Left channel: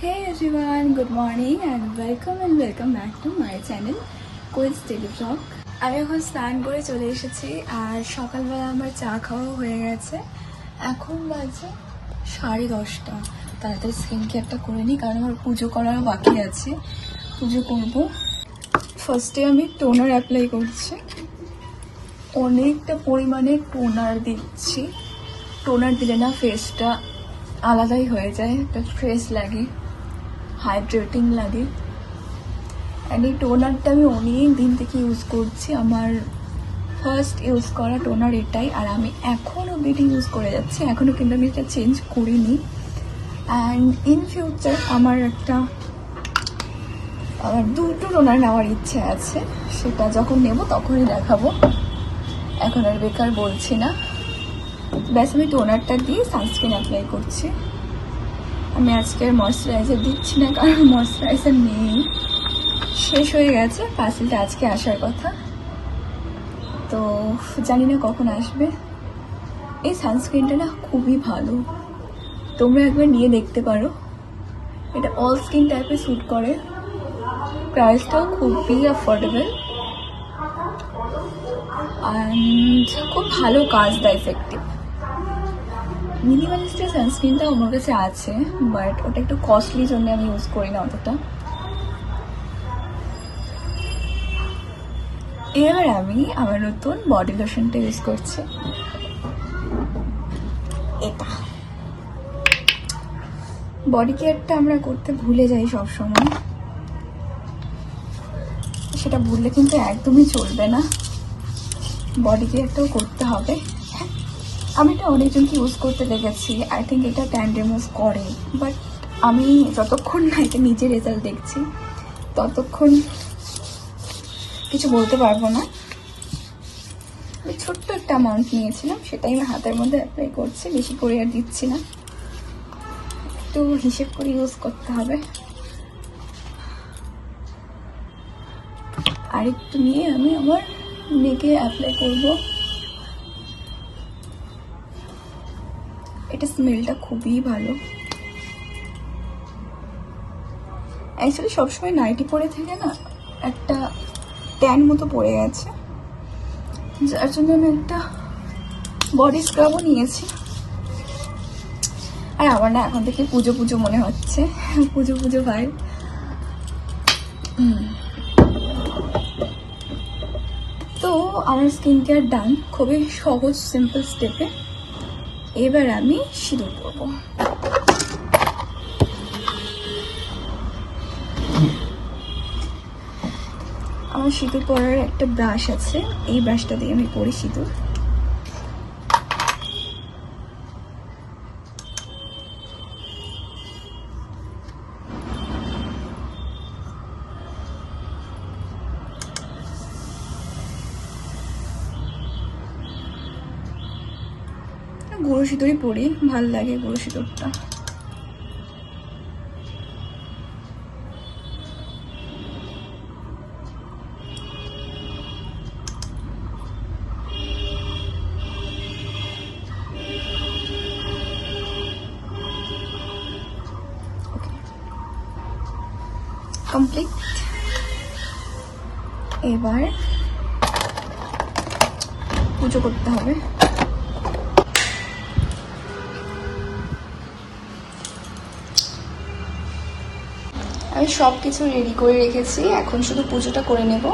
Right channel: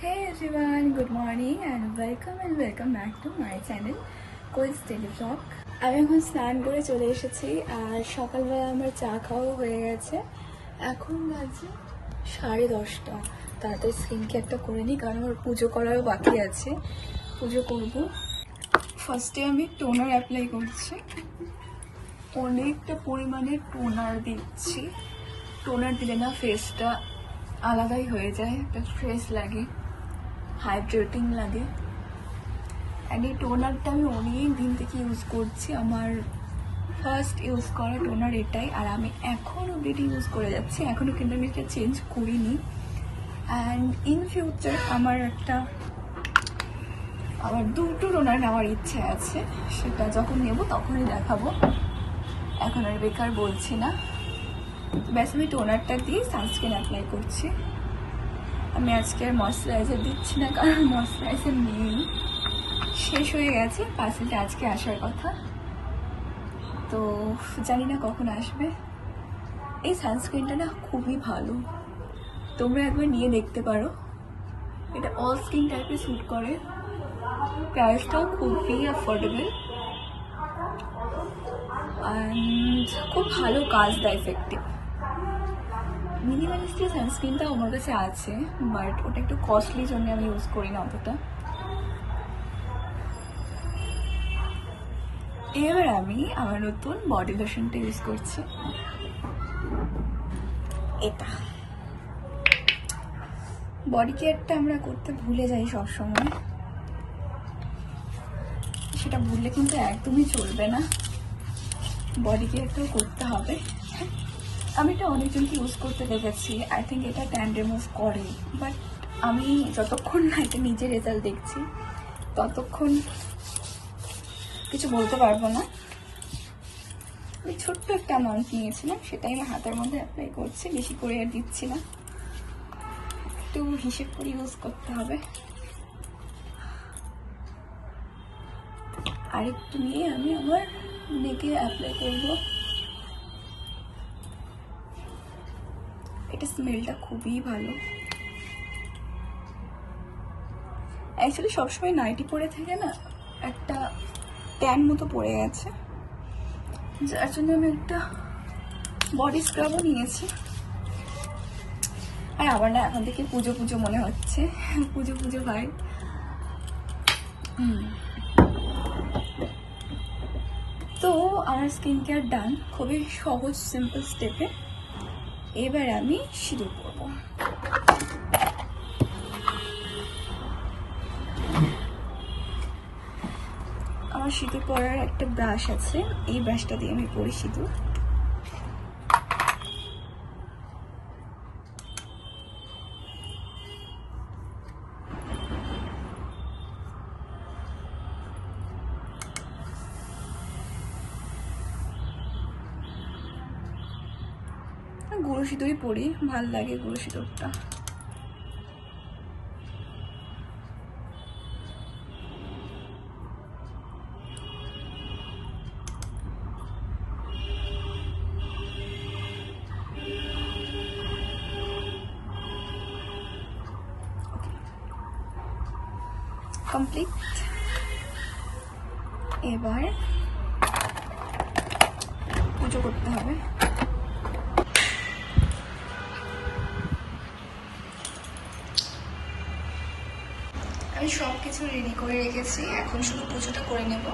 Hey everyone, good morning and welcome back to my channel Quiz Daily Vlog. আমি এখন স্নান করে চলে এসেছি আর সকালবেলা আমার চা খাওয়া হয়ে গেছে। এখন বাজে 10:30। তাড়াতাড়ি স্কিন কেয়ারটা করে নিই কারণ আমার পুজো করার বাকি আছে। পুজো করব। ফার্স্টে আমি টোনার অ্যাপ্লাই করছি। অনেকটা পরিমাণে টোনার দিচ্ছি। টোনার দিলে না ফেসটা আলাদাই হয়ে যায়, একটা ফ্রেশ লাগে, হাইড্রেটিং লাগে। অ্যান্ড এই টোনারটা আমি অনেক দিন থেকে ইউজ করছি। আমার ফার্স্ট ইউজ করা টোনার এটাই, আর আমি এখনও অবধি ইউজ করে যাচ্ছি। এখনও কিন্তু আমি এটা চেঞ্জ করিনি। অ্যান্ড ইন ফিউচার আমার দুটো টোনার নেওয়ার ইচ্ছে আছে, সেটা যখন নেব তখনই দেখাবো, এখন আর বেকার বলছি না। ব্যাস আমি টোনারটা দিয়ে সানস্ক্রিন অ্যাপ্লাই করছি। আমি আজকে ময়শ্চারাইজার দিচ্ছি না কারণ ময়শ্চারাইজার নেই, শেষ হয়ে গেছে। পার্সেলটা আজকে আসার কথা, তো জানি না কখন আসবে। এই সানস্ক্রিনটা না খুবই ভালো, তোমরা একবার নিয়ে দেখতে পারো। এটা অল স্কিন টাইপে স্যুট করে, প্রাইসটাও খুবই অ্যাফোর্ডেবল অ্যান্ড খুব ভালো কাজ দেয়, এফেক্টিভ। মিনিমালিস্টের সানস্ক্রিনটাও আমার কাছে আছে, বাট ওটা একটু কস্টলি জন্য আমি ইউজ করি না অতটা। এবার আমি আমার নতুন বডি লোশনটা ইউজ করছি। এটা বডি কেয়ারটা আমরা করতে ভুলে যাই সবসময়, সেটা ভুললে কিন্তু একদমই চলবে না। বডি কেয়ারটাও করতে হবে। আমি এটা অনেকজনকে ইউজ করতে দেখেছি, আই থিঙ্ক এটা ট্যান রিমুভ করে, বাট আমি যতক্ষণ না এটা নিজে রেজাল্ট দেখছি ততক্ষণ কিছু বলতে পারবো না। আমি ছোট্ট একটা অ্যামাউন্ট নিয়েছিলাম, সেটাই আমি হাতের মধ্যে অ্যাপ্লাই করছি, বেশি করে আর দিচ্ছি না। একটু হিসেব করে ইউজ করতে হবে। আরেকটু নিয়ে আমি আমার নেকে অ্যাপ্লাই করব। এটা স্মেলটা খুবই ভালো। অ্যাকচুয়ালি সবসময় নাইটি পরে থেকে না একটা ট্যান মতো পড়ে গেছে, যার জন্য আমি একটা বডি স্ক্রাবও নিয়েছি। আর আমার না এখন থেকে পুজো পুজো মনে হচ্ছে, পুজো পুজো ভাই। তো আমার স্কিন কেয়ার ডান, খুবই সহজ সিম্পল স্টেপে। এবার আমি সিঁদুর পরবো। আমার সিঁদুর পরার একটা ব্রাশ আছে, এই ব্রাশটা দিয়ে আমি পরি সিঁদুর। গুঁড়ো সিঁদুরই পরি, ভাল লাগে গুঁড়ো সিঁদুরটা। কমপ্লিট। এবার পুজো করতে হবে। আমি সব কিছু রেডি করে রেখেছি, এখন শুধু পুজোটা করে নেব।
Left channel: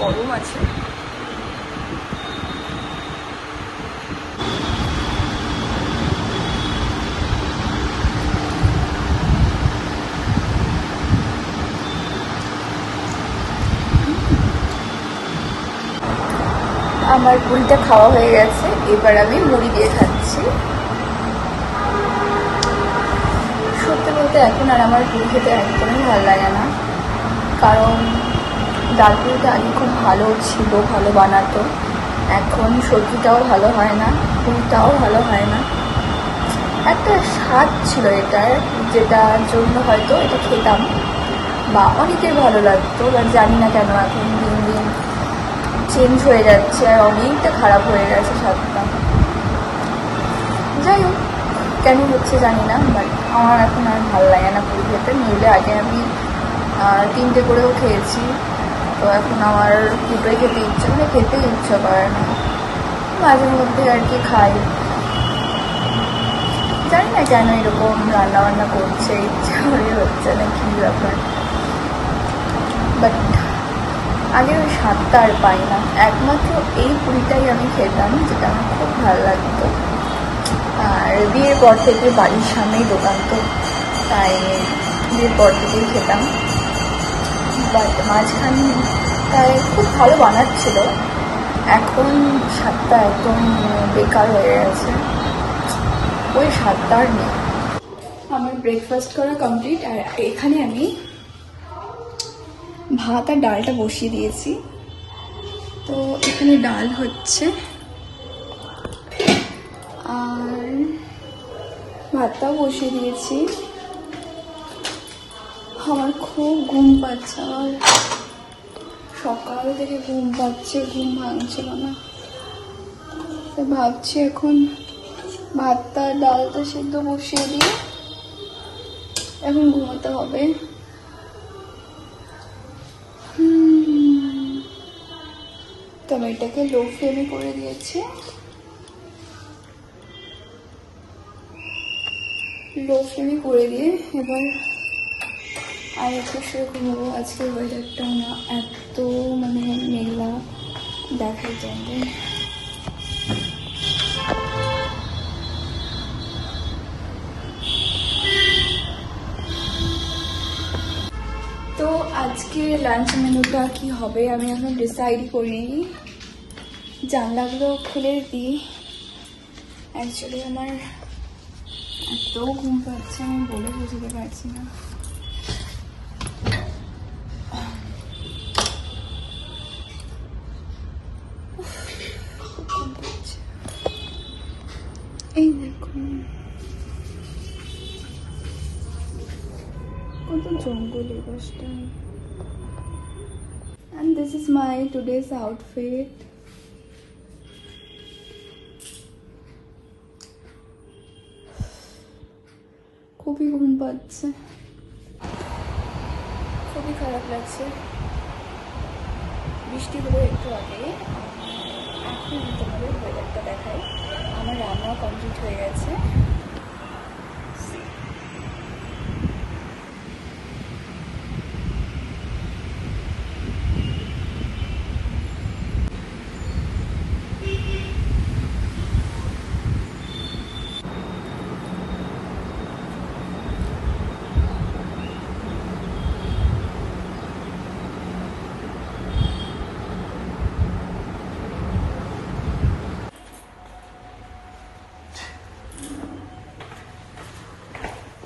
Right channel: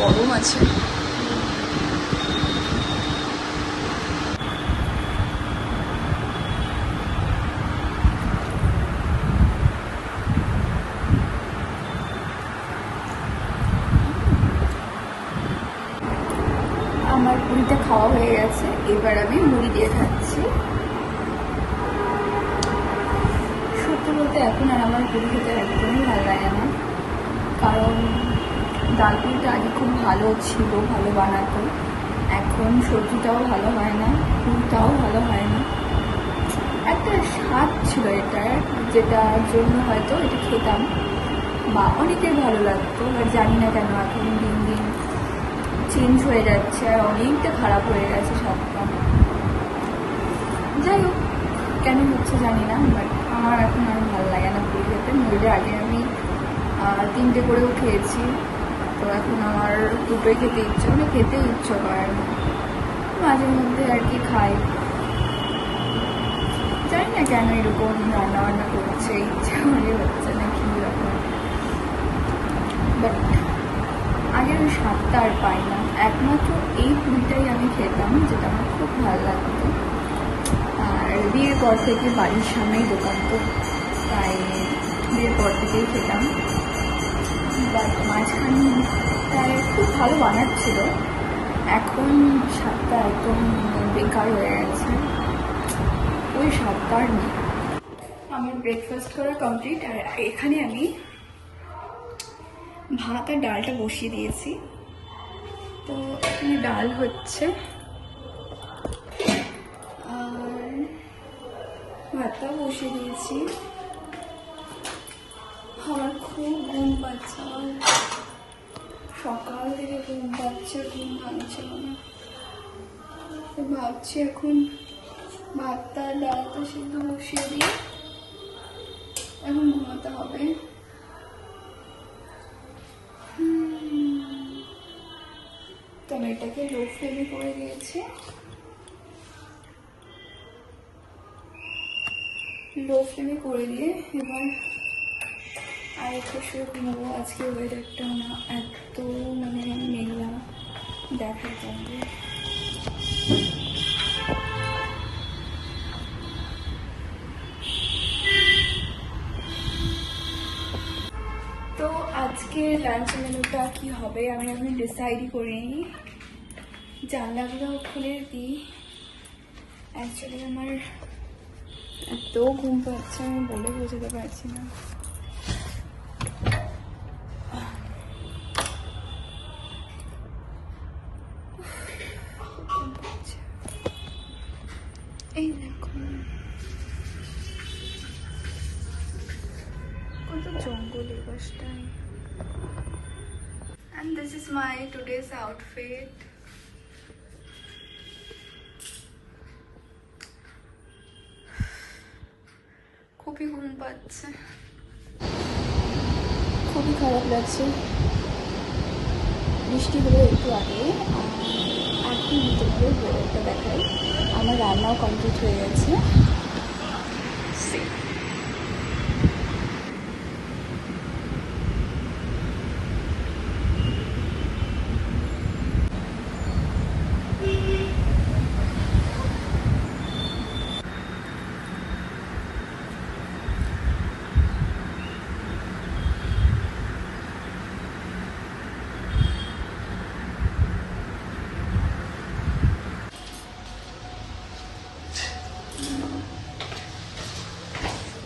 গরম আছে। আমার পুরিটা খাওয়া হয়ে গেছে, এবার আমি মুড়ি দিয়ে খাচ্ছি। সত্যি বলতে এখন আর আমার পুরি খেতে একদমই ভালো লাগে না, কারণ ডাল পুরিটা আগে খুব ভালো ছিল, ভালো বানাতো। এখন সবজিটাও ভালো হয় না, পুরিটাও ভালো হয় না। একটা স্বাদ ছিল এটার, যেটার জন্য হয়তো এটা খেতাম বা অনেকের ভালো লাগতো, বাট জানি না কেন এখন দিন দিন চেঞ্জ হয়ে যাচ্ছে আর অনেকটা খারাপ হয়ে গেছে স্বাদটা। যাই হোক, কেন হচ্ছে জানি না, বাট আমার এখন আর ভালো লাগে না পুরি খেতে। নইলে আগে আমি 3টে করেও খেয়েছি, তো এখন আমার 2টোই খেতে ইচ্ছা, মানে খেতেই ইচ্ছা করে না। মাঝে মধ্যে আর কি খাই, জানি না কেন এরকম রান্নাবান্না করছে, ইচ্ছা করে হচ্ছে না কি ব্যাপার। বাট আগের ওই স্বাদটা আর পাই না। একমাত্র এই পুরিটাই আমি খেতাম, যেটা আমার খুব ভালো লাগতো। আর বিয়ের পর থেকে বাড়ির সামনেই দোকান, তো তাই বিয়ের পর থেকেই খেতাম। বাট মাঝখানটায় খুব ভালো বানাচ্ছিল, এখন স্বাদটা একদম বেকার হয়ে গেছে, ওই স্বাদটা আর নেই। আমার ব্রেকফাস্ট করা কমপ্লিট, আর এখানে আমি ভাত আর ডালটা বসিয়ে দিয়েছি। তো এখানে ডাল হচ্ছে আর ভাতটাও বসিয়ে দিয়েছি। আমার খুব ঘুম পাচ্ছে, আর সকাল থেকে ঘুম পাচ্ছে, ঘুম ভাঙছিল না। তো ভাবছি এখন ভাতটা ডালটা সিদ্ধ বসিয়ে দিয়ে এখন ঘুমাতে হবে। তো আমি এটাকে লো ফ্লেমে করে দিয়েছি, লো ফ্লেমে করে দিয়ে এবার আর একটু শুয়ে ঘুমাবো। আজকে ওয়েদারটা না এত মানে মেঘলা, দেখাই যাবে। তো আজকে লাঞ্চ মেনুটা কি হবে আমি এখন ডিসাইড করিনি। জানলাগুলো খুলে দিই, অ্যাকচুয়ালি আমার এত ঘুম পাচ্ছে আমি বলে বোঝাতে পারছি না। এই দেখুন কত জঙ্গল এই পাশটায়। And this is my today's outfit. খুবই ঘুম পাচ্ছে, খুবই খারাপ লাগছে। বৃষ্টি হলো একটু আগে, এখন তোমাদের ওয়েদারটা দেখাই। আমার রান্নাও কমপ্লিট হয়ে গেছে।